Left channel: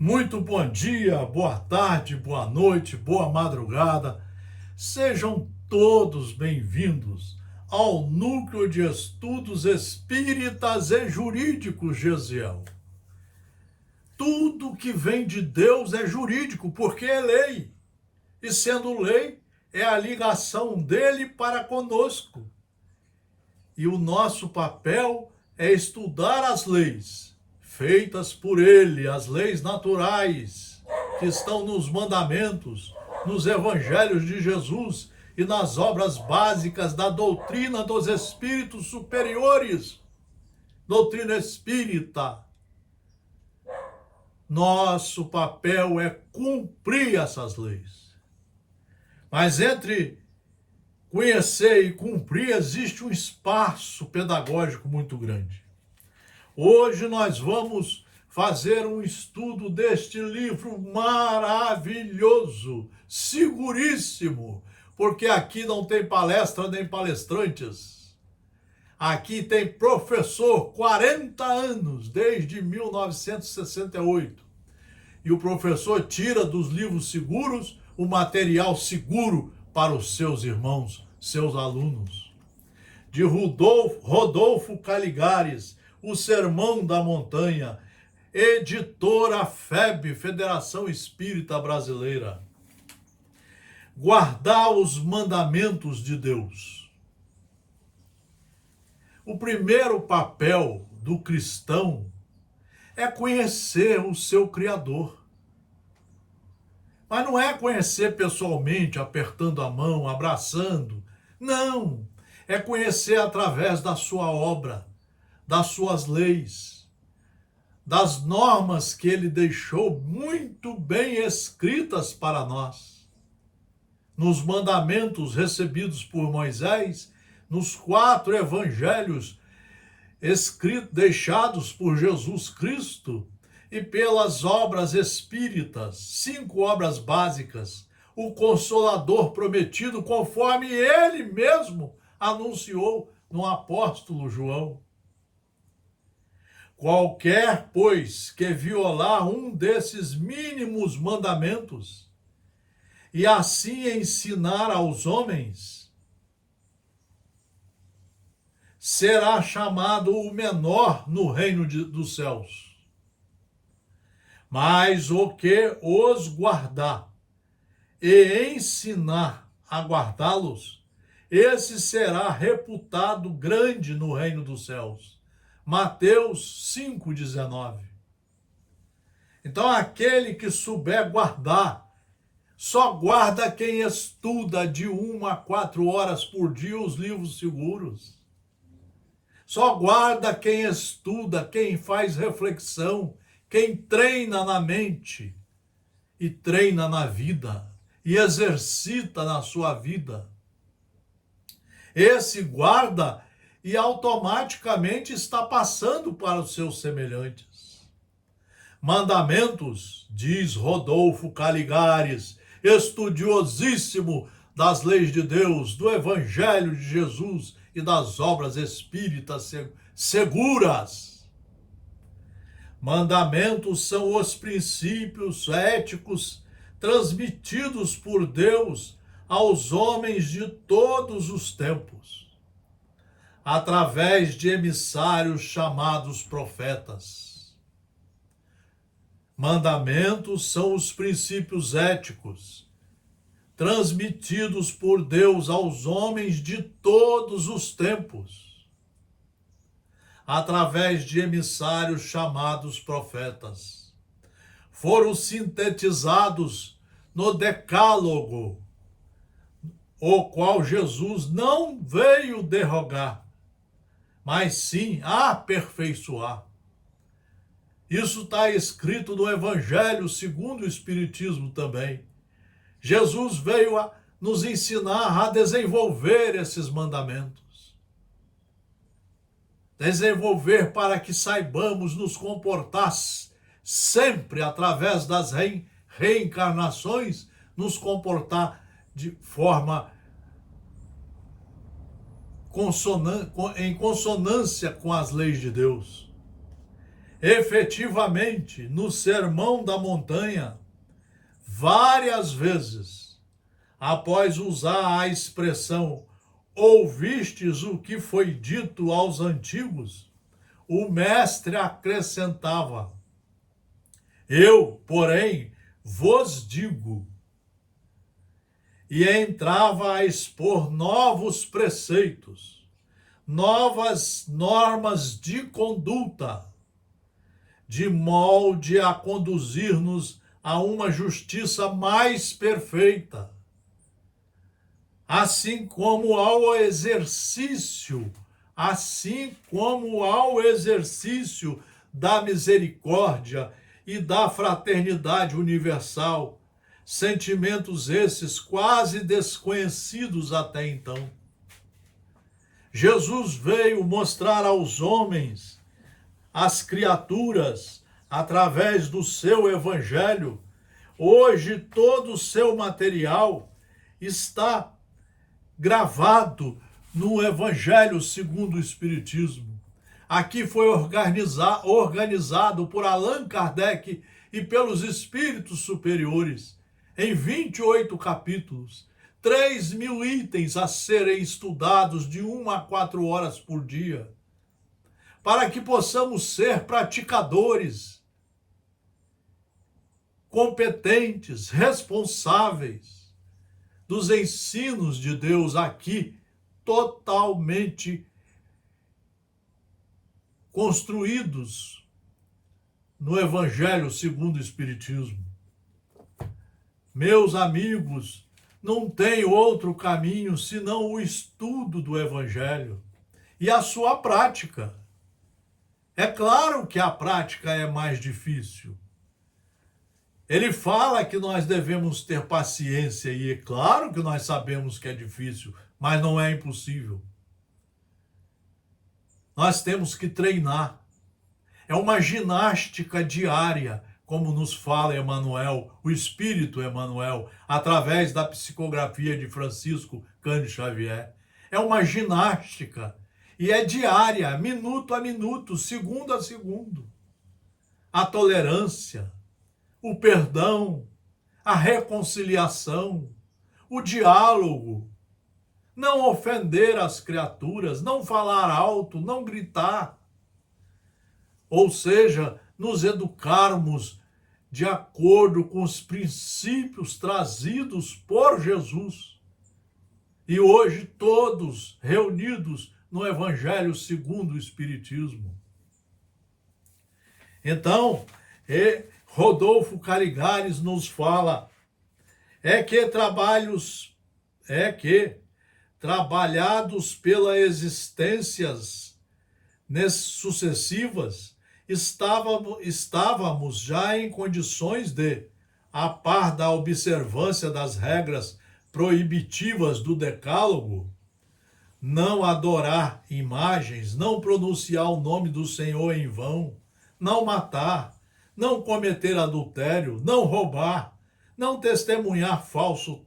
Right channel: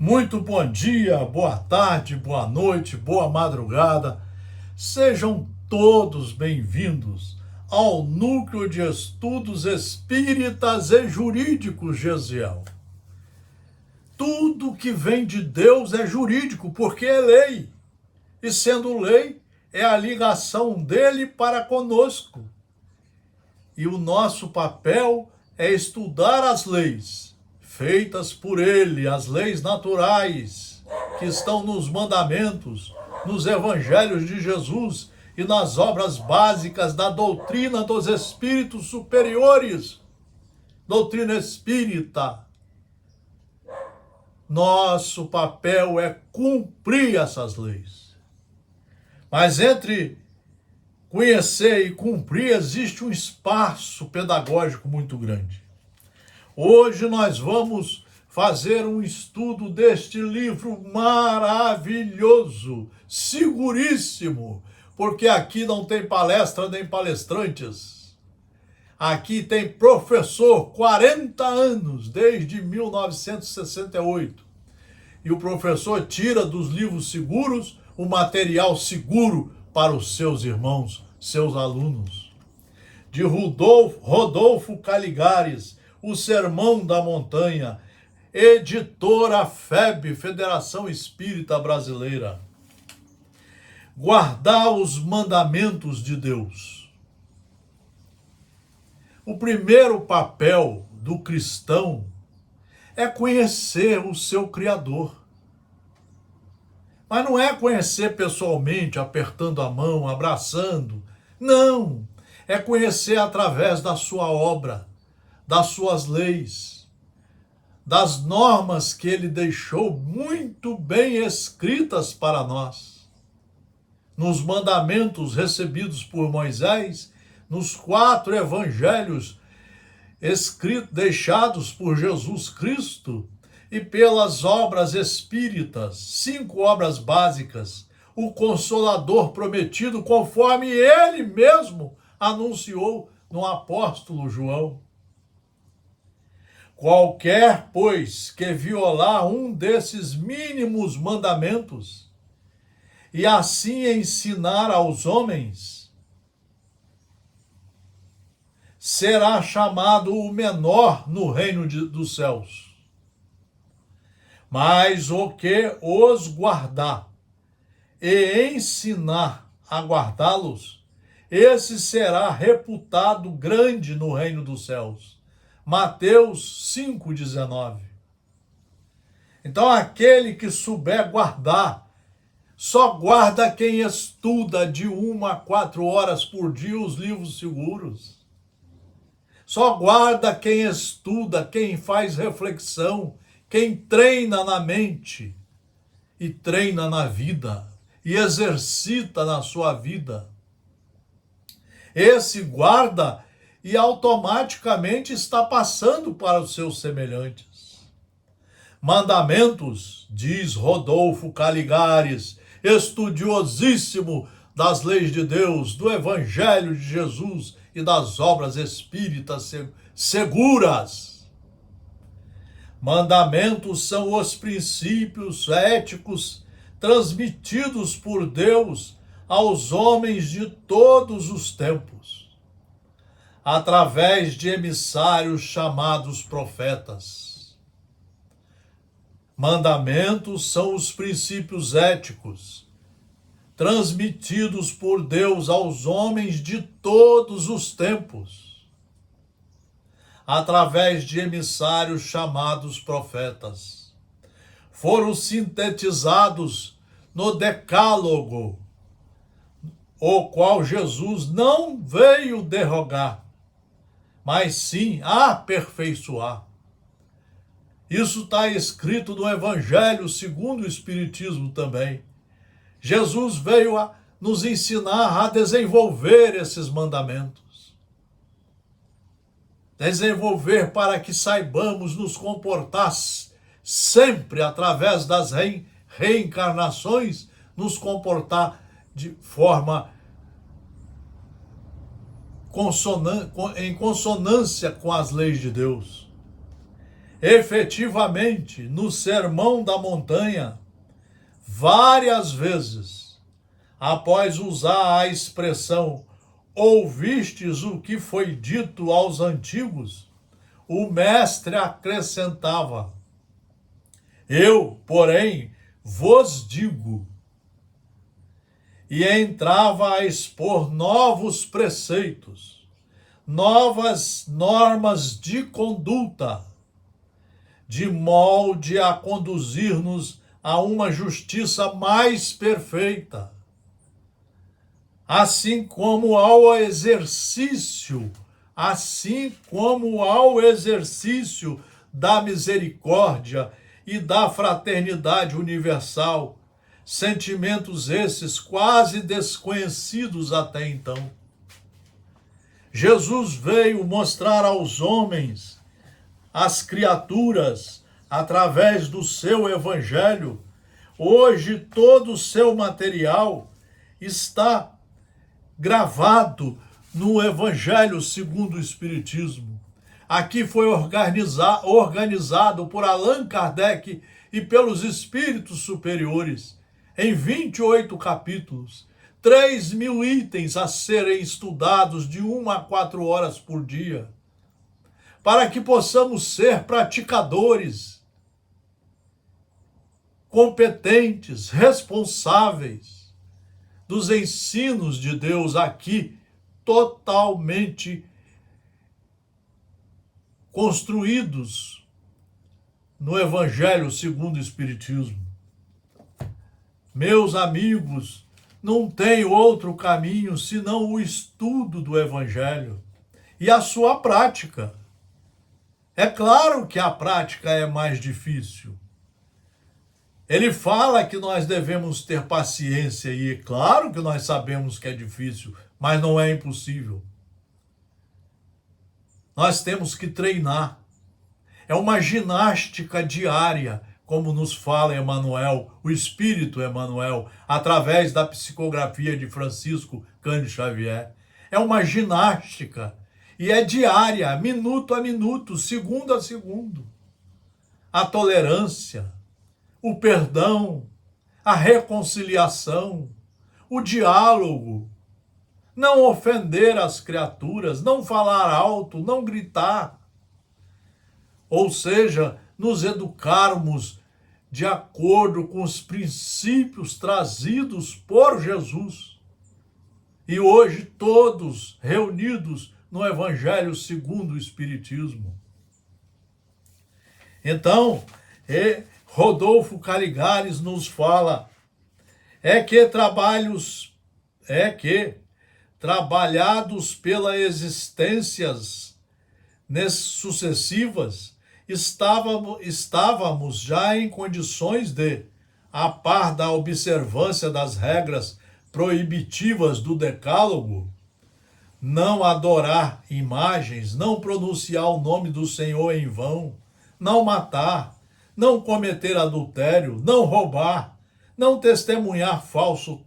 Muito bom dia, boa tarde, boa noite, boa madrugada. Sejam todos bem-vindos ao Núcleo de Estudos Espíritas e Jurídicos Gesiel. Tudo que vem de Deus é jurídico, porque é lei. E sendo lei, é a ligação dele para conosco. E o nosso papel é estudar as leis feitas por ele, as leis naturais que estão nos mandamentos, nos evangelhos de Jesus e nas obras básicas da doutrina dos espíritos superiores, doutrina espírita. Nosso papel é cumprir essas leis. Mas entre conhecer e cumprir existe um espaço pedagógico muito grande. Hoje nós vamos fazer um estudo deste livro maravilhoso, seguríssimo, porque aqui não tem palestra nem palestrantes. Aqui tem professor, 40 anos, desde 1968. E o professor tira dos livros seguros o material seguro para os seus irmãos, seus alunos. De Rodolfo Caligares, O Sermão da Montanha, editora FEB, Federação Espírita Brasileira. Guardar os mandamentos de Deus. O primeiro papel do cristão é conhecer o seu Criador. Mas não é conhecer pessoalmente, apertando a mão, abraçando. Não, é conhecer através da sua obra, das suas leis, das normas que ele deixou muito bem escritas para nós. Nos mandamentos recebidos por Moisés, nos 4 evangelhos deixados por Jesus Cristo e pelas obras espíritas, 5 obras básicas, o Consolador prometido, conforme ele mesmo anunciou no apóstolo João. Qualquer, pois, que violar um desses mínimos mandamentos e assim ensinar aos homens, será chamado o menor no reino dos céus. Mas o que os guardar e ensinar a guardá-los, esse será reputado grande no reino dos céus. Mateus 5,19. Então, aquele que souber guardar, só guarda quem estuda de 1 a 4 horas por dia os livros seguros. Só guarda quem estuda, quem faz reflexão, quem treina na mente e treina na vida e exercita na sua vida. Esse guarda e automaticamente está passando para os seus semelhantes. Mandamentos, diz Rodolfo Caligares, estudiosíssimo das leis de Deus, do Evangelho de Jesus e das obras espíritas seguras. Mandamentos são os princípios éticos transmitidos por Deus aos homens de todos os tempos, através de emissários chamados profetas. Mandamentos são os princípios éticos transmitidos por Deus aos homens de todos os tempos, através de emissários chamados profetas. Foram sintetizados no Decálogo, o qual Jesus não veio derrogar, mas sim aperfeiçoar. Isso está escrito no Evangelho segundo o Espiritismo também. Jesus veio a nos ensinar a desenvolver esses mandamentos. Desenvolver para que saibamos nos comportar sempre, através das reencarnações, nos comportar de forma em consonância com as leis de Deus. Efetivamente, no Sermão da Montanha, várias vezes, após usar a expressão ouvistes o que foi dito aos antigos, o mestre acrescentava: eu, porém, vos digo. E entrava a expor novos preceitos, novas normas de conduta, de molde a conduzir-nos a uma justiça mais perfeita, assim como ao exercício da misericórdia e da fraternidade universal, sentimentos esses quase desconhecidos até então. Jesus veio mostrar aos homens, às criaturas, através do seu evangelho. Hoje todo o seu material está gravado no Evangelho segundo o Espiritismo. Aqui foi organizado por Allan Kardec e pelos espíritos superiores, em 28 capítulos, 3.000 itens a serem estudados de 1 a 4 horas por dia, para que possamos ser praticadores, competentes, responsáveis dos ensinos de Deus aqui, totalmente construídos no Evangelho segundo o Espiritismo. Meus amigos, não tem outro caminho senão o estudo do Evangelho e a sua prática. É claro que a prática é mais difícil. Ele fala que nós devemos ter paciência, e é claro que nós sabemos que é difícil, mas não é impossível. Nós temos que treinar. É uma ginástica diária, como nos fala Emmanuel, o Espírito Emmanuel, através da psicografia de Francisco Cândido Xavier. É uma ginástica, e é diária, minuto a minuto, segundo a segundo. A tolerância, o perdão, a reconciliação, o diálogo, não ofender as criaturas, não falar alto, não gritar. Ou seja, nos educarmos de acordo com os princípios trazidos por Jesus. E hoje todos reunidos no Evangelho segundo o Espiritismo. Então, Rodolfo Caligares nos fala, trabalhados pela existências sucessivas, estávamos já em condições de, a par da observância das regras proibitivas do Decálogo, não adorar imagens, não pronunciar o nome do Senhor em vão, não matar, não cometer adultério, não roubar, não testemunhar falso,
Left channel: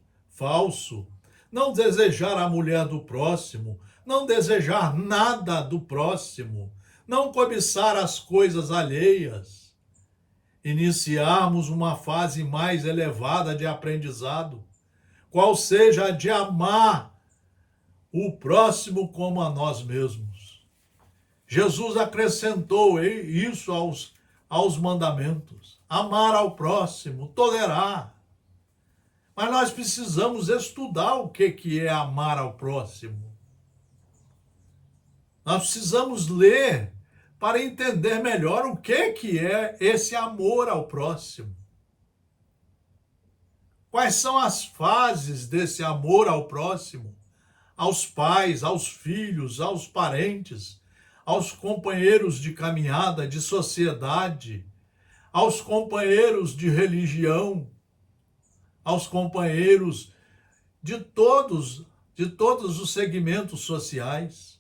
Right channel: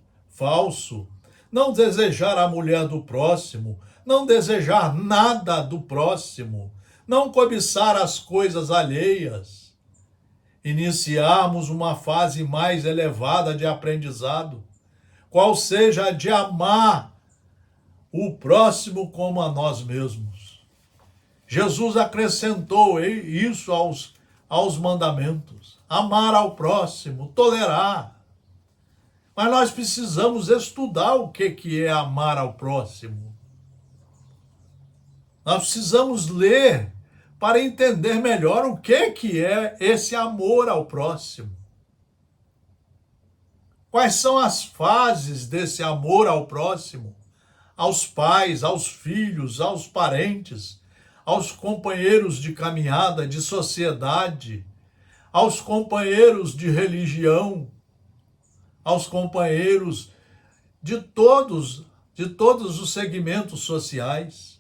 não desejar a mulher do próximo, não desejar nada do próximo, não cobiçar as coisas alheias. Iniciarmos uma fase mais elevada de aprendizado, qual seja a de amar o próximo como a nós mesmos. Jesus acrescentou isso aos mandamentos. Amar ao próximo, tolerar. Mas nós precisamos estudar o que é amar ao próximo. Nós precisamos ler para entender melhor o que é esse amor ao próximo. Quais são as fases desse amor ao próximo? Aos pais, aos filhos, aos parentes, aos companheiros de caminhada, de sociedade, aos companheiros de religião, aos companheiros de todos os segmentos sociais.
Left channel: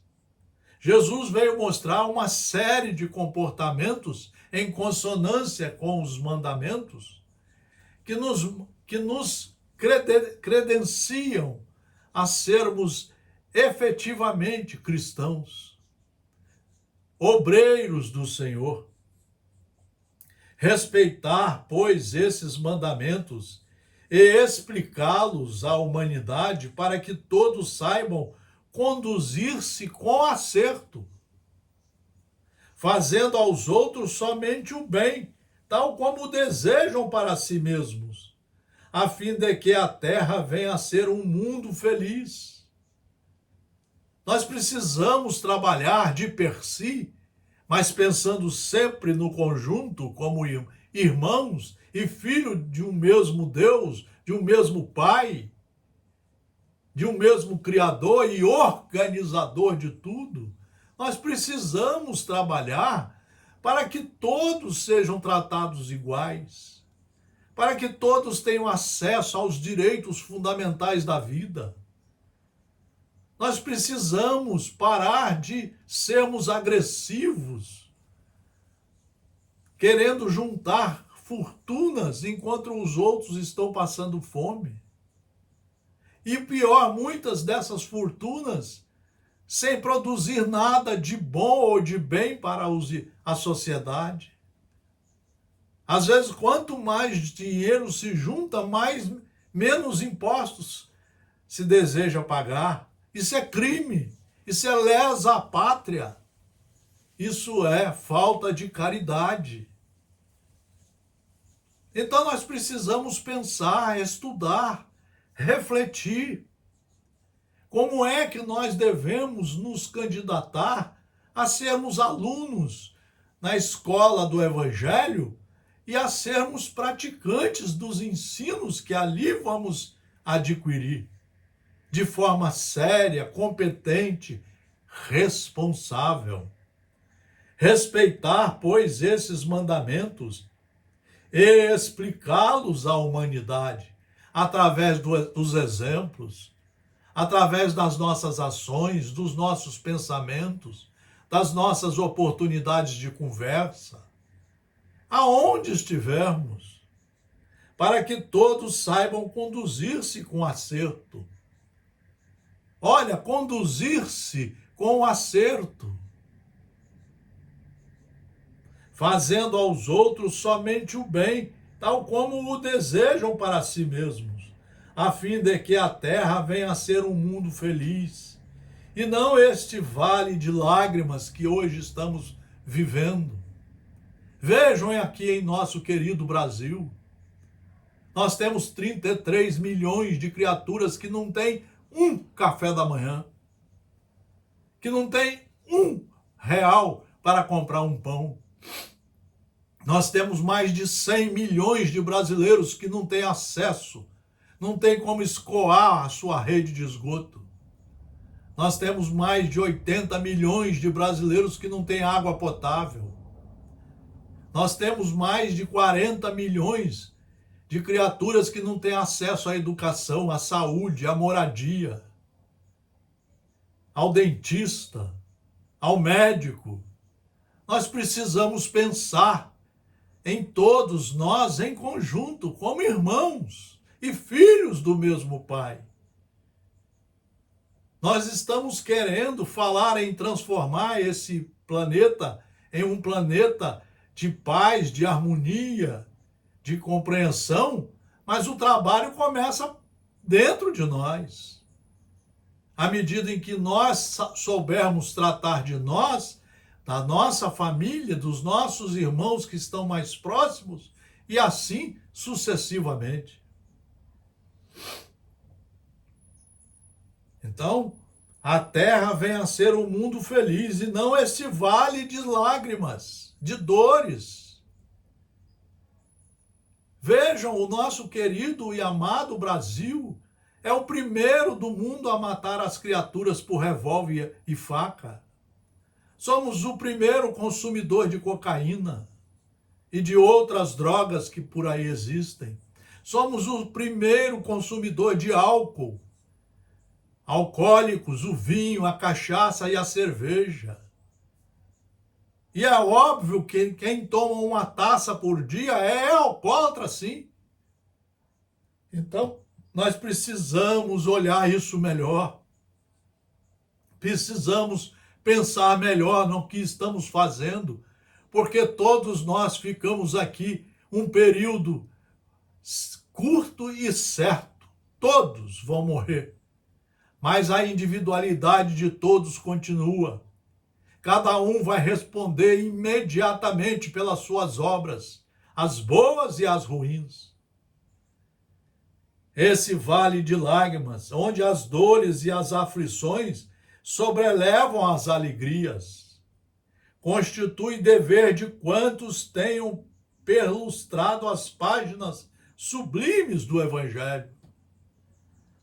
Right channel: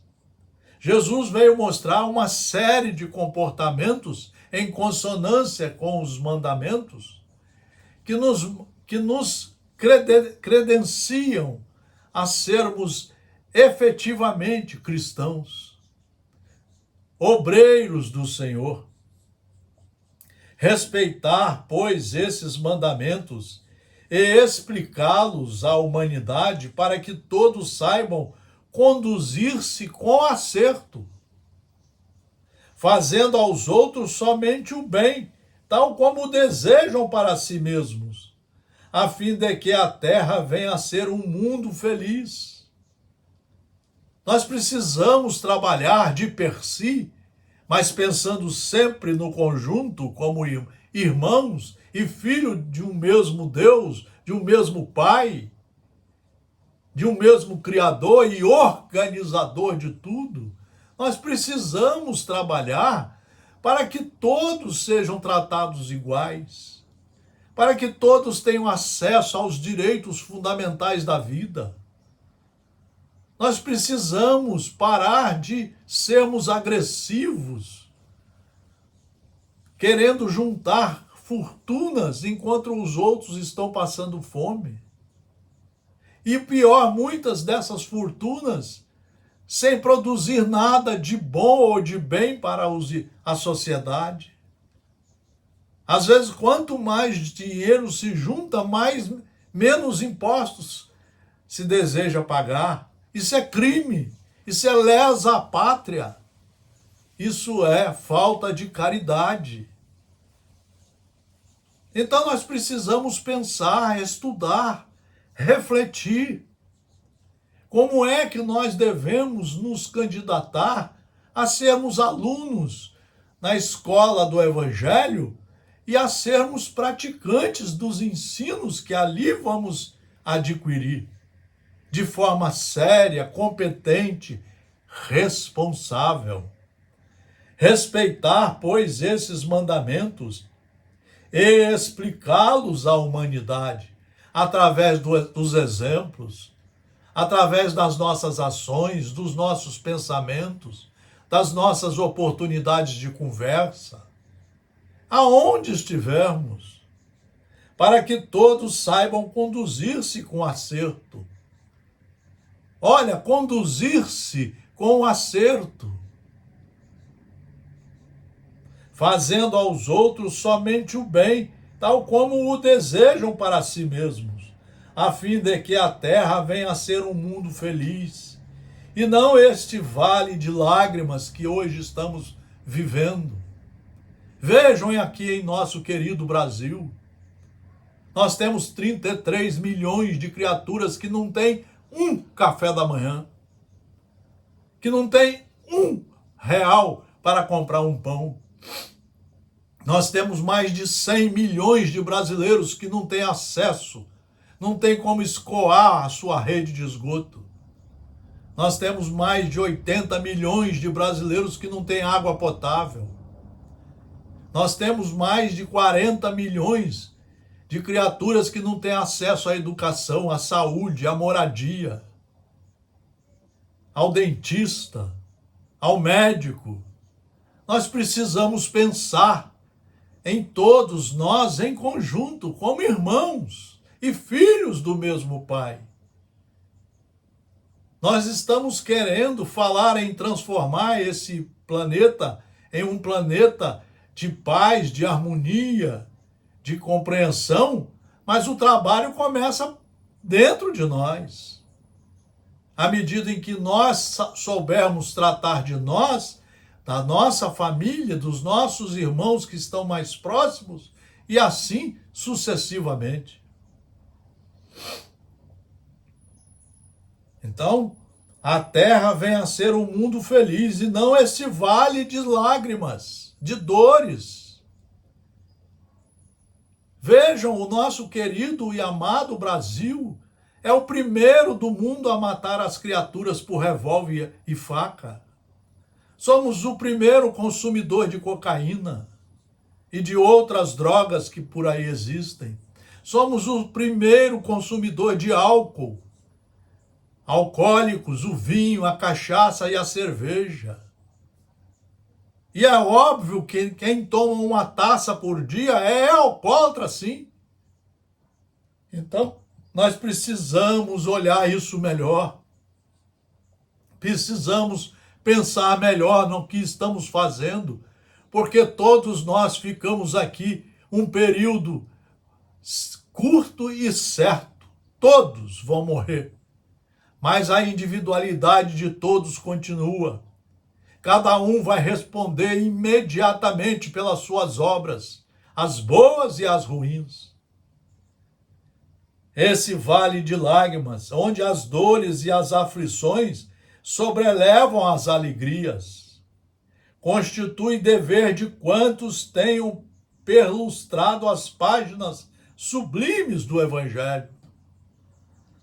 Jesus veio mostrar uma série de comportamentos em consonância com os mandamentos que nos credenciam a sermos efetivamente cristãos, obreiros do Senhor. Respeitar, pois, esses mandamentos e explicá-los à humanidade para que todos saibam conduzir-se com acerto, fazendo aos outros somente o bem, tal como desejam para si mesmos, a fim de que a terra venha a ser um mundo feliz. Nós precisamos trabalhar de per si, mas pensando sempre no conjunto, como irmãos e filhos de um mesmo Deus, de um mesmo Pai, de um mesmo Criador e organizador de tudo. Nós precisamos trabalhar para que todos sejam tratados iguais, para que todos tenham acesso aos direitos fundamentais da vida. Nós precisamos parar de sermos agressivos, querendo juntar fortunas enquanto os outros estão passando fome. E pior, muitas dessas fortunas sem produzir nada de bom ou de bem para a sociedade. Às vezes, quanto mais dinheiro se junta, menos impostos se deseja pagar. Isso é crime, isso é lesa à pátria, isso é falta de caridade. Então nós precisamos pensar, estudar, refletir. Como é que nós devemos nos candidatar a sermos alunos na escola do Evangelho e a sermos praticantes dos ensinos que ali vamos adquirir, de forma séria, competente, responsável. Respeitar, pois, esses mandamentos e explicá-los à humanidade através dos exemplos, através das nossas ações, dos nossos pensamentos, das nossas oportunidades de conversa, aonde estivermos, para que todos saibam conduzir-se com acerto. Olha, conduzir-se com acerto, fazendo aos outros somente o bem, tal como o desejam para si mesmos, a fim de que a terra venha a ser um mundo feliz, e não este vale de lágrimas que hoje estamos vivendo. Vejam aqui em nosso querido Brasil, nós temos 33 milhões de criaturas que não têm um café da manhã, que não têm R$ 1 para comprar um pão. Nós temos mais de 100 milhões de brasileiros que não têm acesso, não têm como escoar a sua rede de esgoto. Nós temos mais de 80 milhões de brasileiros que não têm água potável. Nós temos mais de 40 milhões de criaturas que não têm acesso à educação, à saúde, à moradia, ao dentista, ao médico. Nós precisamos pensar em todos nós em conjunto, como irmãos e filhos do mesmo Pai. Nós estamos querendo falar em transformar esse planeta em um planeta de paz, de harmonia, de compreensão, mas o trabalho começa dentro de nós. À medida em que nós soubermos tratar de nós, da nossa família, dos nossos irmãos que estão mais próximos, e assim sucessivamente. Então, a terra vem a ser um mundo feliz e não esse vale de lágrimas, de dores. Vejam, o nosso querido e amado Brasil é o primeiro do mundo a matar as criaturas por revólver e faca. Somos o primeiro consumidor de cocaína e de outras drogas que por aí existem. Somos o primeiro consumidor de álcool, alcoólicos, o vinho, a cachaça e a cerveja. E é óbvio que quem toma uma taça por dia é alcoólatra, sim. Então, nós precisamos olhar isso melhor. Precisamos pensar melhor no que estamos fazendo, porque todos nós ficamos aqui um período curto e certo. Todos vão morrer, mas a individualidade de todos continua. Cada um vai responder imediatamente pelas suas obras, as boas e as ruins. Esse vale de lágrimas, onde as dores e as aflições sobrelevam as alegrias, constitui dever de quantos tenham perlustrado as páginas sublimes do Evangelho.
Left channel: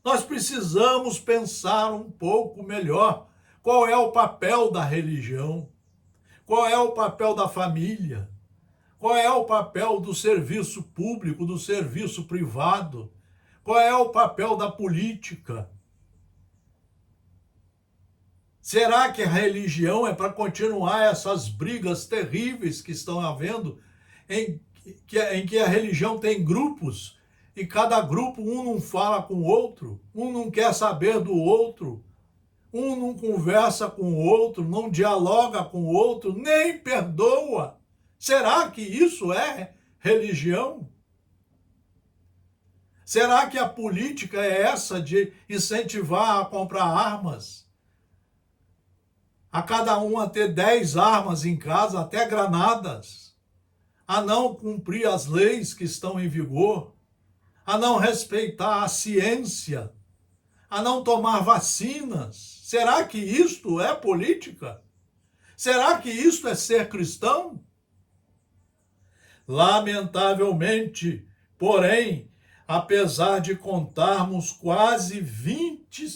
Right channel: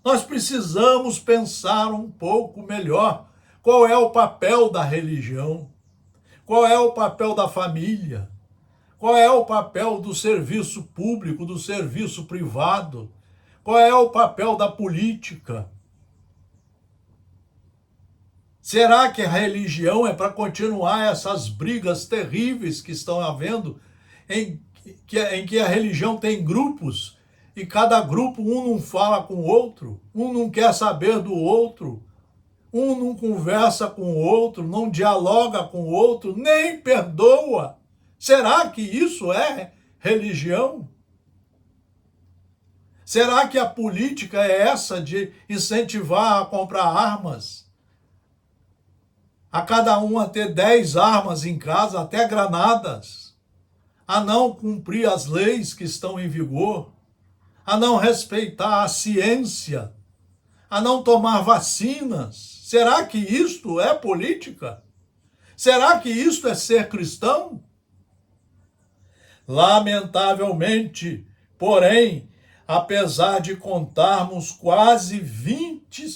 Nós precisamos pensar um pouco melhor qual é o papel da religião, qual é o papel da família, qual é o papel do serviço público, do serviço privado, qual é o papel da política. Será que a religião é para continuar essas brigas terríveis que estão havendo, em que a religião tem grupos, e cada grupo, um não fala com o outro, um não quer saber do outro, um não conversa com o outro, não dialoga com o outro, nem perdoa? Será que isso é religião? Será que a política é essa de incentivar a comprar armas? A cada um a ter 10 armas em casa, até granadas, a não cumprir as leis que estão em vigor, a não respeitar a ciência, a não tomar vacinas. Será que isto é política? Será que isto é ser cristão? Lamentavelmente, porém, apesar de contarmos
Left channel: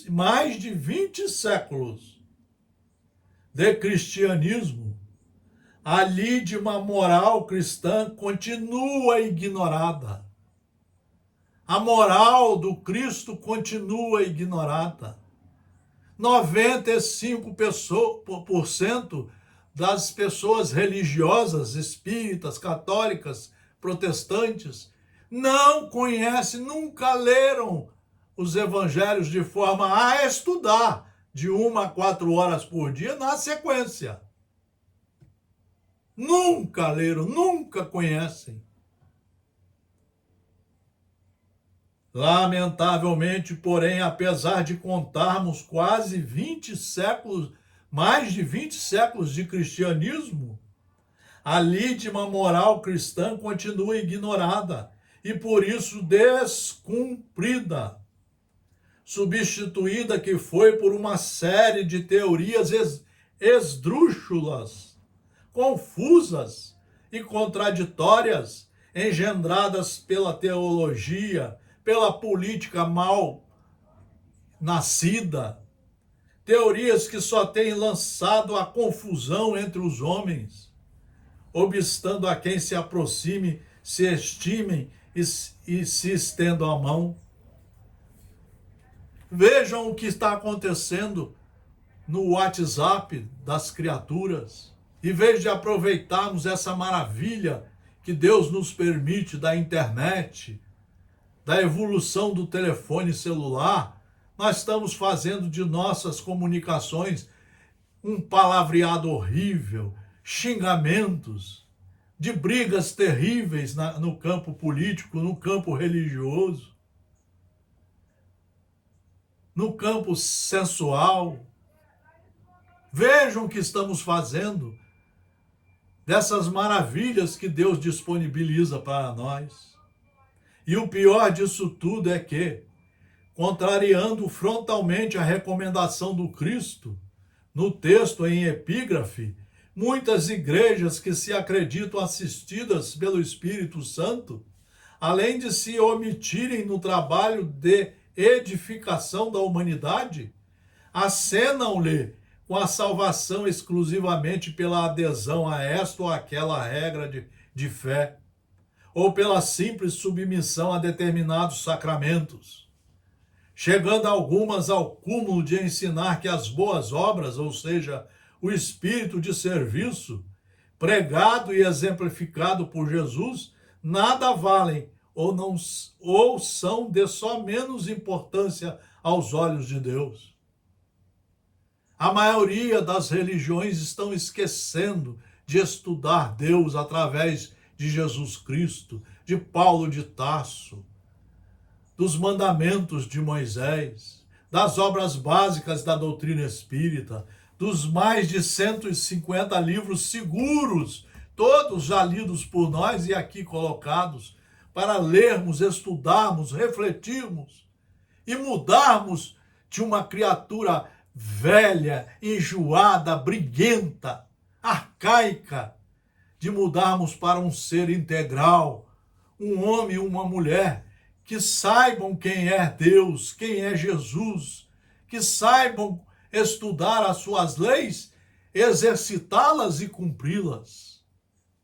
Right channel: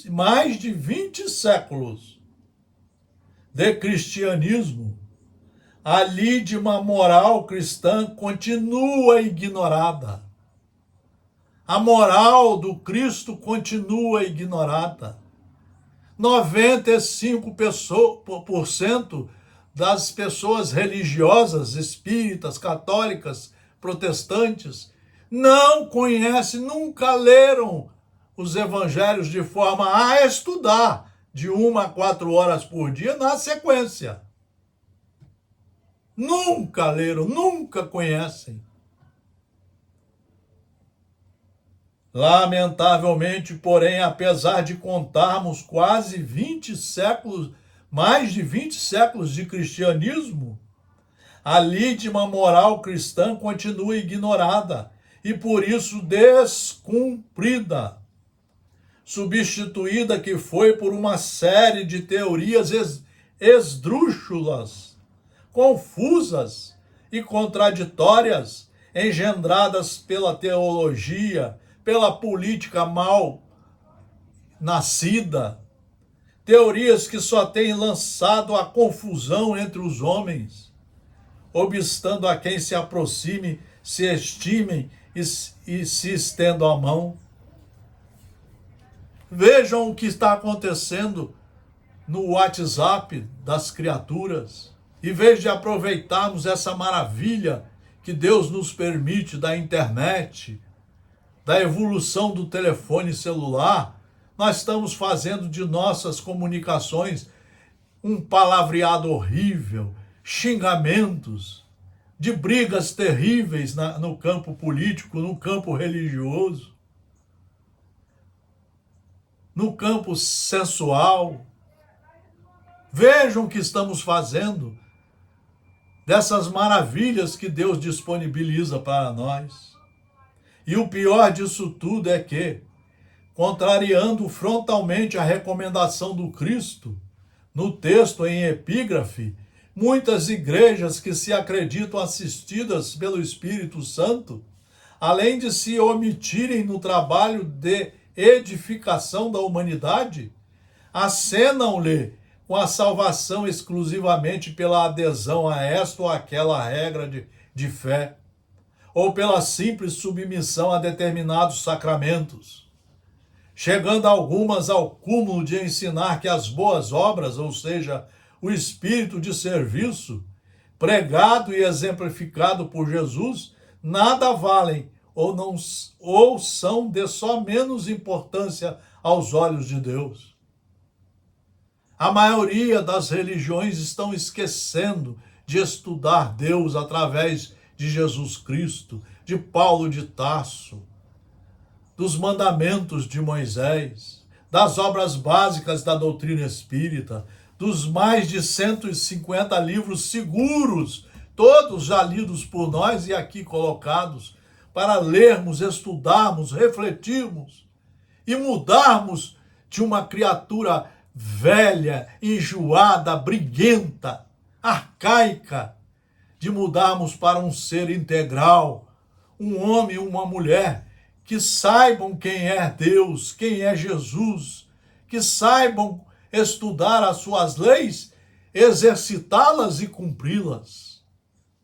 mais de 20 séculos de cristianismo, a lídima moral cristã continua ignorada. A moral do Cristo continua ignorada. 95% das pessoas religiosas, espíritas, católicas, protestantes, não conhecem, nunca leram os evangelhos de forma a estudar de 1 a 4 horas por dia na sequência. Nunca leram, nunca conhecem. Lamentavelmente, porém, apesar de contarmos quase 20 séculos, mais de 20 séculos de cristianismo, a lídima moral cristã continua ignorada e, por isso, descumprida, substituída que foi por uma série de teorias esdrúxulas, confusas e contraditórias, engendradas pela teologia, pela política mal nascida, teorias que só têm lançado a confusão entre os homens, obstando a quem se aproxime, se estimem e se estendam a mão. Vejam o que está acontecendo no WhatsApp das criaturas, em vez de aproveitarmos essa maravilha que Deus nos permite da internet, da evolução do telefone celular, nós estamos fazendo de nossas comunicações um palavreado horrível, xingamentos, de brigas terríveis no campo político, no campo religioso, no campo sensual. Vejam o que estamos fazendo dessas maravilhas que Deus disponibiliza para nós. E o pior disso tudo é que, contrariando frontalmente a recomendação do Cristo, no texto em epígrafe, muitas igrejas que se acreditam assistidas pelo Espírito Santo, além de se omitirem no trabalho de edificação da humanidade, acenam-lhe com a salvação exclusivamente pela adesão a esta ou aquela regra de fé, ou pela simples submissão a determinados sacramentos, chegando algumas ao cúmulo de ensinar que as boas obras, ou seja, o espírito de serviço, pregado e exemplificado por Jesus, nada valem ou são de só menos importância aos olhos de Deus. A maioria das religiões estão esquecendo de estudar Deus através de Jesus Cristo, de Paulo de Tarso, dos mandamentos de Moisés, das obras básicas da doutrina espírita, dos mais de 150 livros seguros, todos já lidos por nós e aqui colocados, para lermos, estudarmos, refletirmos e mudarmos de uma criatura velha, enjoada, briguenta, arcaica, de mudarmos para um ser integral, um homem e uma mulher que saibam quem é Deus, quem é Jesus, que saibam estudar as suas leis, exercitá-las e cumpri-las,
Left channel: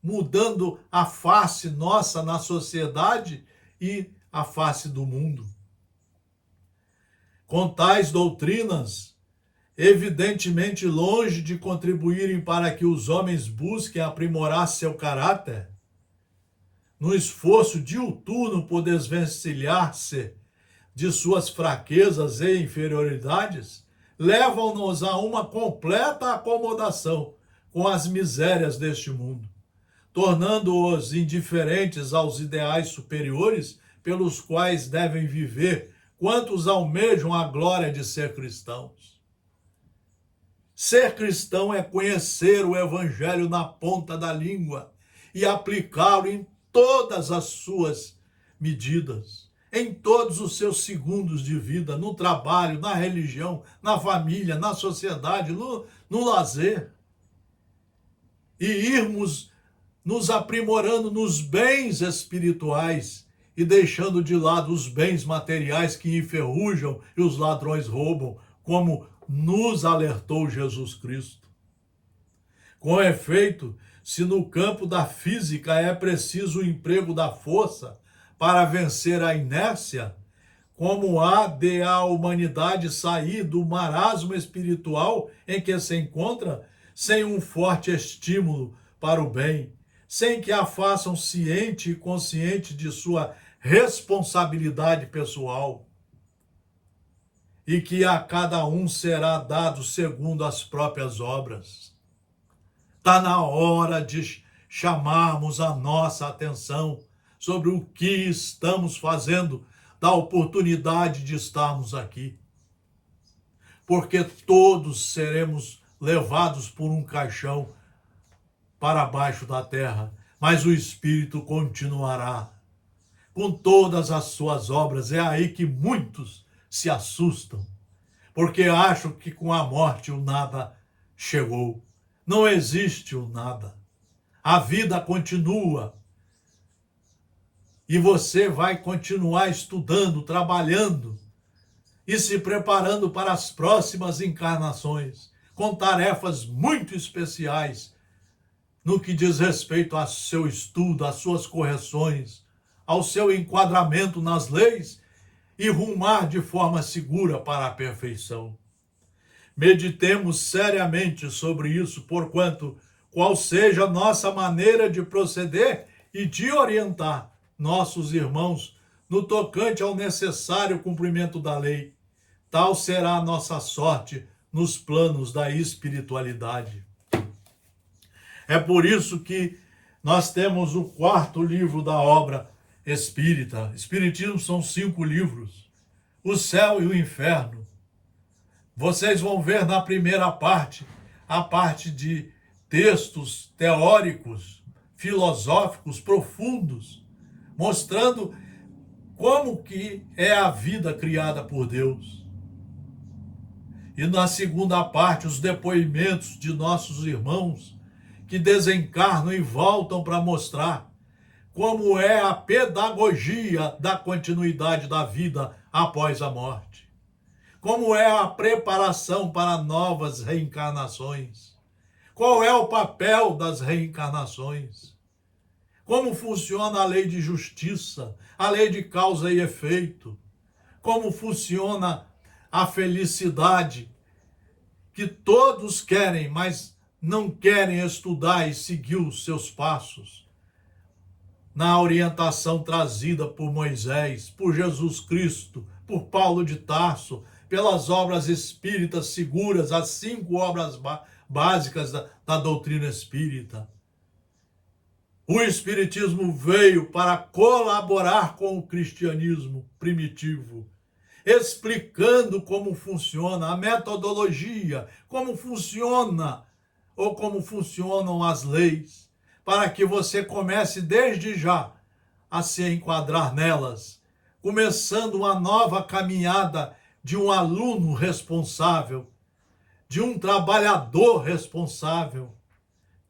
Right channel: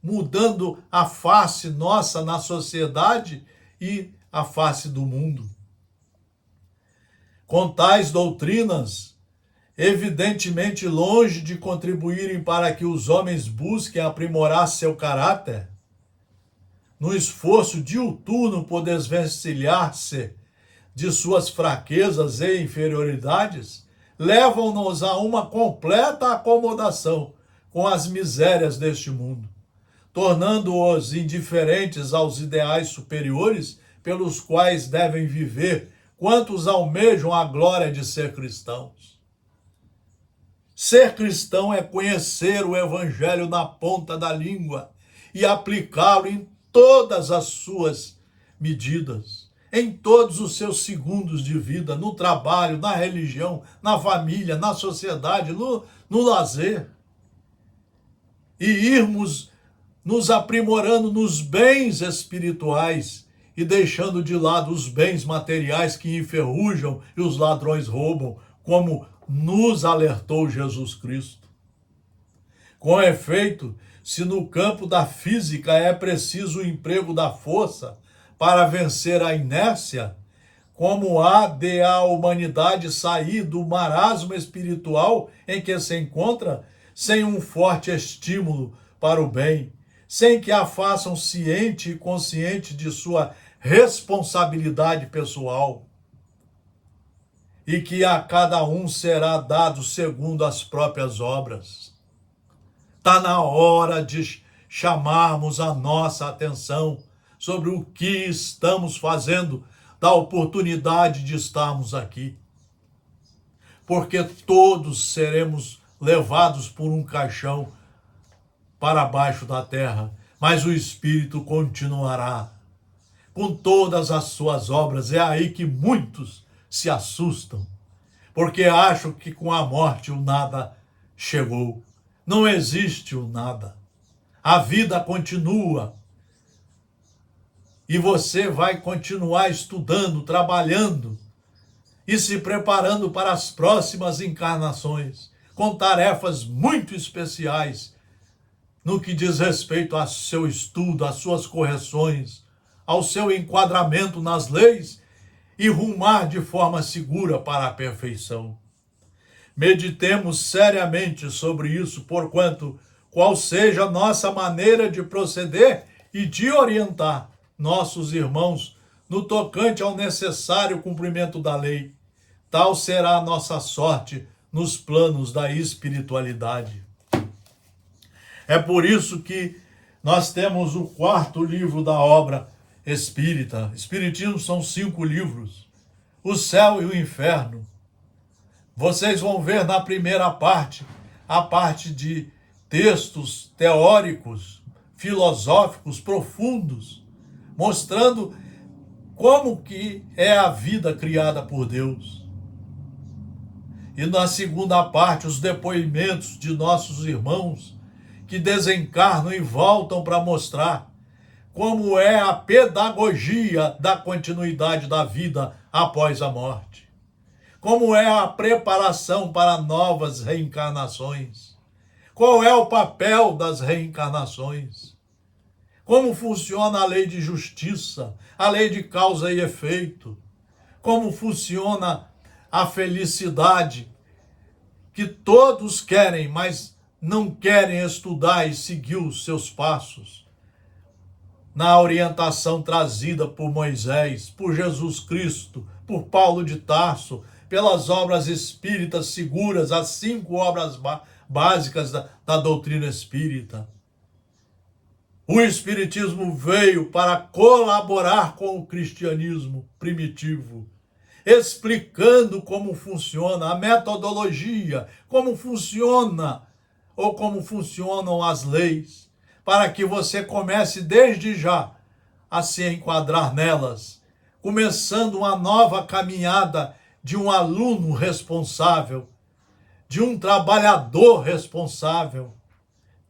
mudando a face nossa na sociedade e a face do mundo. Com tais doutrinas, evidentemente longe de contribuírem para que os homens busquem aprimorar seu caráter, no esforço diuturno por desvencilhar-se de suas fraquezas e inferioridades, levam-nos a uma completa acomodação com as misérias deste mundo, tornando-os indiferentes aos ideais superiores pelos quais devem viver quantos almejam a glória de ser cristãos. Ser cristão é conhecer o Evangelho na ponta da língua e aplicá-lo em todas as suas medidas, em todos os seus segundos de vida, no trabalho, na religião, na família, na sociedade, no lazer. E irmos nos aprimorando nos bens espirituais e deixando de lado os bens materiais que enferrujam e os ladrões roubam, como nos alertou Jesus Cristo. Com efeito, se no campo da física é preciso o emprego da força para vencer a inércia, como há de a humanidade sair do marasmo espiritual em que se encontra sem um forte estímulo para o bem, sem que a façam ciente e consciente de sua responsabilidade pessoal, e que a cada um será dado segundo as próprias obras. Está na hora de chamarmos a nossa atenção sobre o que estamos fazendo da oportunidade de estarmos aqui. Porque todos seremos levados por um caixão para baixo da terra, mas o Espírito continuará com todas as suas obras. É aí que muitos se assustam, porque acham que com a morte o nada chegou. Não existe o nada. A vida continua. E você vai continuar estudando, trabalhando e se preparando para as próximas encarnações, com tarefas muito especiais no que diz respeito ao seu estudo, às suas correções, ao seu enquadramento nas leis e rumar de forma segura para a perfeição. Meditemos seriamente sobre isso, porquanto, qual seja a nossa maneira de proceder e de orientar nossos irmãos no tocante ao necessário cumprimento da lei, tal será a nossa sorte nos planos da espiritualidade. É por isso que nós temos o 4º livro da obra espírita. Espiritismo são 5 livros. O céu e o inferno. Vocês vão ver na primeira parte, a parte de textos teóricos, filosóficos, profundos, mostrando como que é a vida criada por Deus. E na segunda parte, os depoimentos de nossos irmãos que desencarnam e voltam para mostrar como é a pedagogia da continuidade da vida após a morte. Como é a preparação para novas reencarnações. Qual é o papel das reencarnações? Como funciona a lei de justiça, a lei de causa e efeito? Como funciona a felicidade que todos querem, mas não querem estudar e seguir os seus passos? Na orientação trazida por Moisés, por Jesus Cristo, por Paulo de Tarso, pelas obras espíritas seguras, as 5 obras básicas da doutrina espírita. O Espiritismo veio para colaborar com o cristianismo primitivo, explicando como funciona a metodologia, como funciona ou como funcionam as leis, para que você comece desde já a se enquadrar nelas, começando uma nova caminhada de um aluno responsável, de um trabalhador responsável,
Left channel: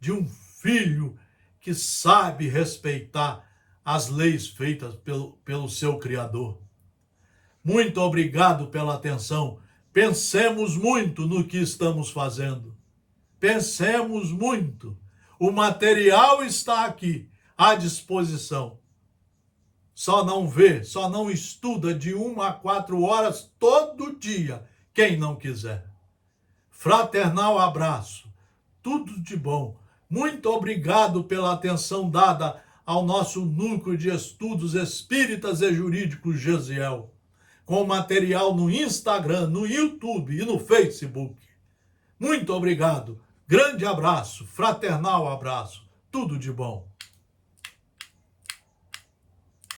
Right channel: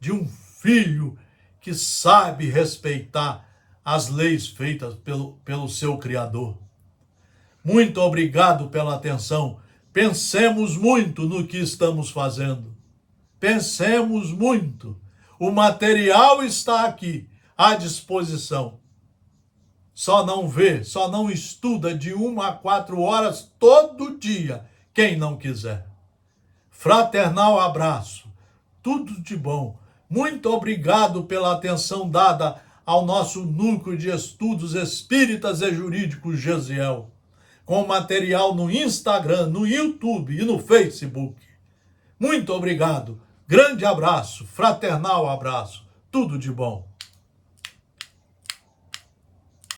de um filho que sabe respeitar as leis feitas pelo seu Criador. Muito obrigado pela atenção. Pensemos muito no que estamos fazendo. Pensemos muito. O material está aqui, à disposição. Só não vê, só não estuda de 1 a 4 horas todo dia, quem não quiser. Fraternal abraço. Tudo de bom. Muito obrigado pela atenção dada ao nosso núcleo de estudos espíritas e jurídicos Gesiel, com material no Instagram, no YouTube e no Facebook. Muito obrigado. Grande abraço, fraternal abraço. Tudo de bom.